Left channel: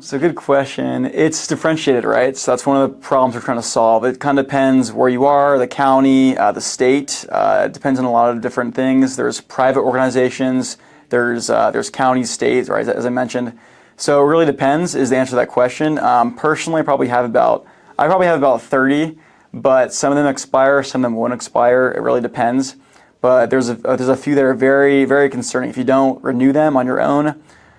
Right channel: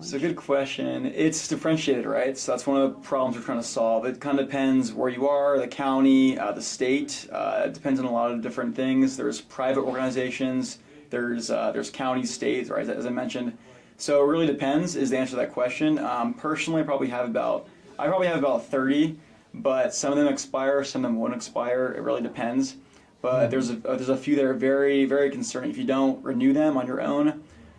So good question. It's differentiated, right? So that's one of the problems we're trying to solve. It kind of depends where you are, the county, the state. It depends on a lot of different things. There's private organizations. There's counties, states, right? As I mentioned. So it really depends is the answer to that question. Personally, I probably have about 30, but some of them expire, some of them won't expire. It really depends. But there's a few that are very, very concerning. If you don't renew them on your own,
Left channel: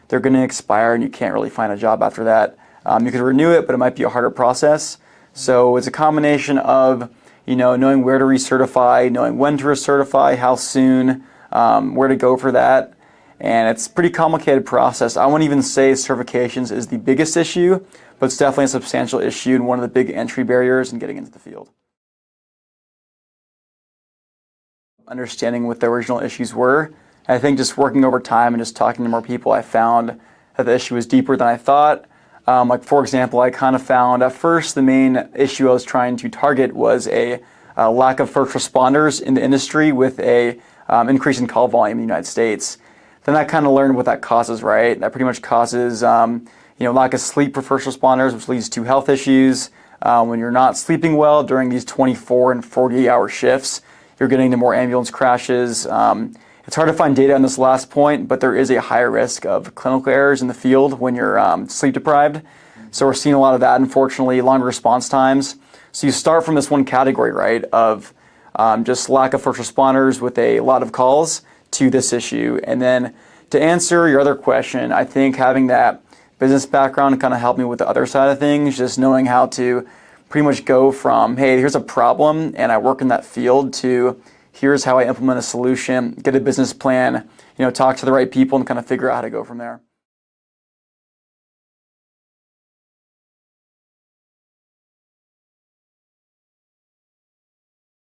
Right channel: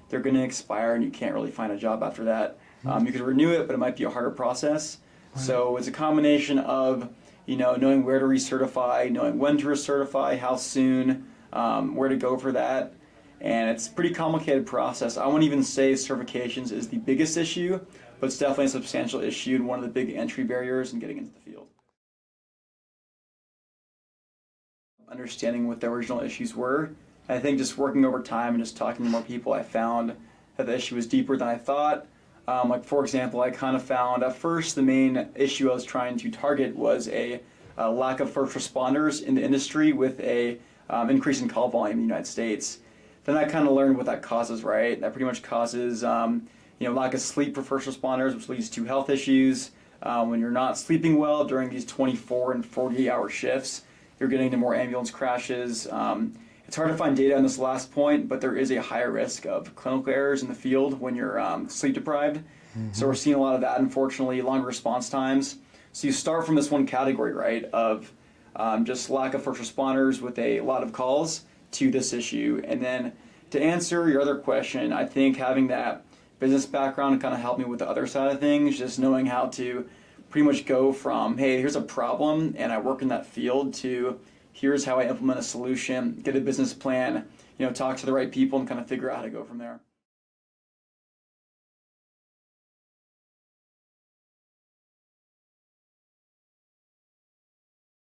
they're going to expire and you can't really find a job after that. You could renew it, but it might be a harder process. So it's a combination of knowing where to recertify, knowing when to recertify, how soon, where to go for that. And it's a pretty complicated process. I wouldn't even say certifications is the biggest issue, but it's definitely a substantial issue and one of the big entry barriers in getting into the field. Understanding what the original issues were. I think just working over time and just talking to more people, I found that the issue was deeper than I thought. Like for example, I kind of found at first the main issue I was trying to target was a lack of first responders in the industry with a increase in call volume in the United States. Then I kind of learned what that causes, right? That pretty much causes lack of sleep for first responders, which leads to health issues. When you're not sleeping well during these 24 and 48-hour shifts, you're getting into more ambulance crashes. It's hard to find data on this last point, but there is a higher risk of clinical errors in the field when you're sleep deprived. So we're seeing a lot of that, unfortunately, longer response times. So you start from this one category, right, of just lack of first responders with a lot of calls to this issue. And then to answer your other question, I think having that business background kind of helped me with the other side of things, just knowing how to pretty much go from, hey, here's a problem and I work in that field to here's how I implement a solution, get a business plan, talk to the right people and kind of figure out how to go from there.